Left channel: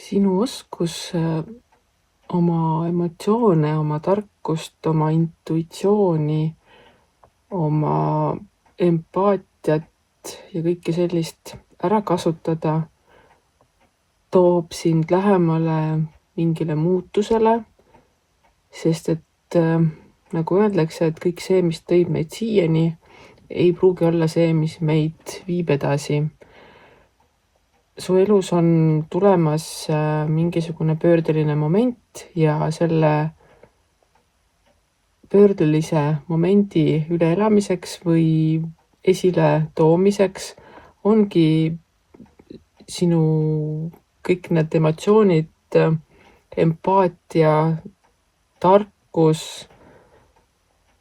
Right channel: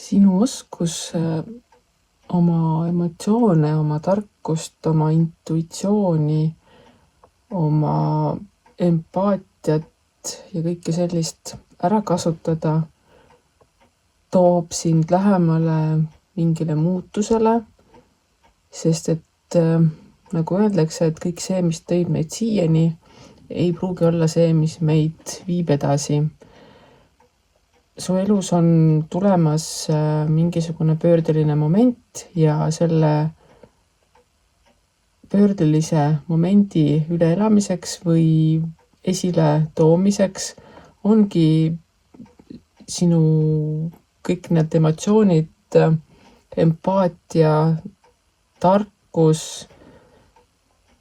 Sinu oskus oma emotsioone, oma tarkust, oma intuitsiooni, oma empaatiat ja kõike sellist ära kasutada toob sind lähemale mingile muutusele, sest et nagu öeldakse, et kõik see, mis tõib meid siiani, ei pruugi olla see, mis meid viib edasi. Su elus on tulemas mingisugune pöördeline moment ja selle pöördelise momendi üleelamiseks või esile toomiseks ongi sinu kõik need emotsioonid, empaatia, tarkus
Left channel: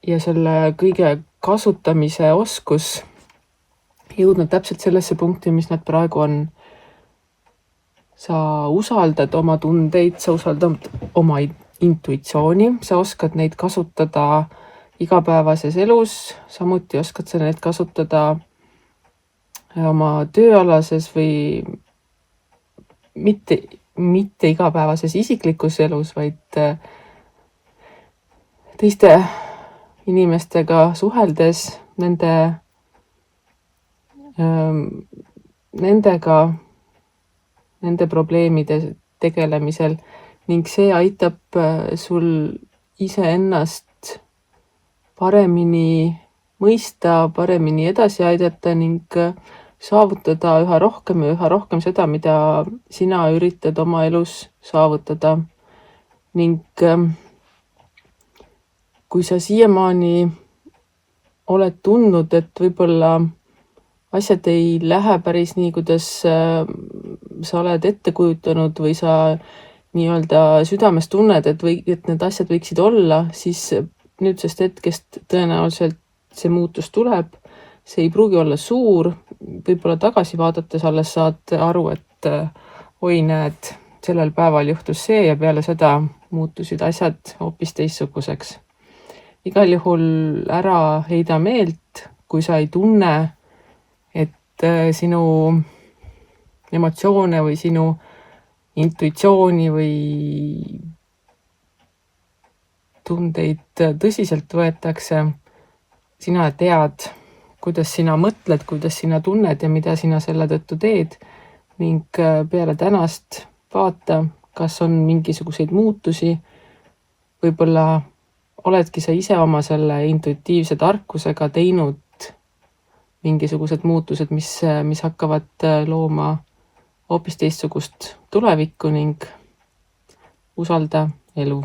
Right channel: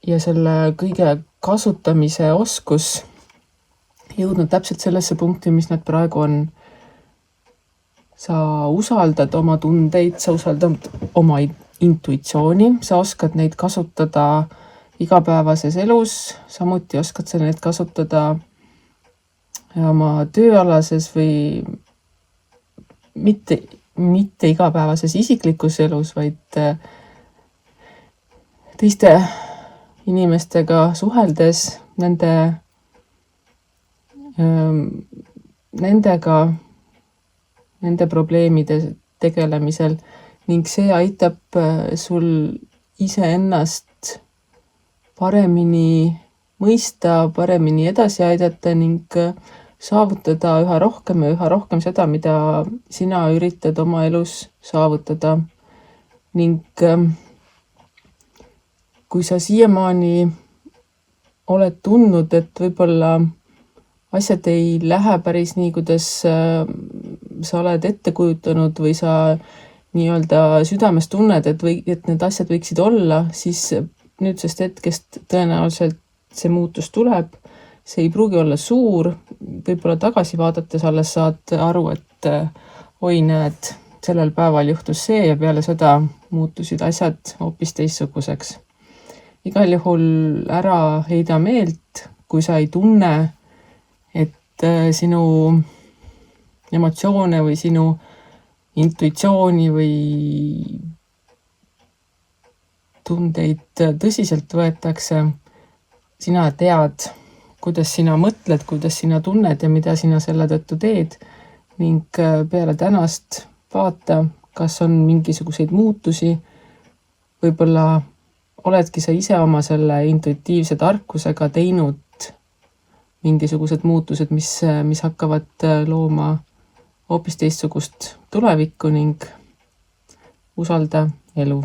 ja selle kõige kasutamise oskus jõudnud täpselt sellesse punkti, mis nad praegu on. Sa usaldad oma tundeid, sa usaldad oma intuitsiooni, sa oskad neid kasutada igapäevases elus, samuti oskad sa neid kasutada oma tööalases või mitte igapäevases isiklikus elus, vaid teiste inimestega suheldes, nende probleemide tegelemisel ning see aitab sul iseennast paremini mõista, paremini edasi aidata ning saavutada üha rohkem seda, mida sina üritad oma elus saavutada. Ning kui sa siiamaani oled tundnud, et võib-olla asjad ei lähe päris nii, kuidas sa oled ette kujutanud või sa nii-öelda südames tunned, et need asjad võiksid olla, siis nüüdsest hetkest tõenäoliselt see muutus tuleb. See ei pruugi olla suur, võib-olla tagasi vaadates alles saad aru, et oi näed, sellel päeval juhtus see ja peale seda muutusid asjad hoopis teistsuguseks. Igal juhul ära heida meelt, kui sa ei tunne, et sinu emotsioone või sinu intuitsiooni või tundeid tõsiselt võetakse. Sina tead, kuidas sina mõtled, kuidas sina tunned ja mida sina selle tõttu teed ning peale tänast vaata, kas on mingisuguseid muutusi. Võib-olla oledki sa ise oma selle intuitiivse tarkusega teinud mingisugused muutused, mis hakkavad looma hoopis teistsugust tulevikku ning usalda elu.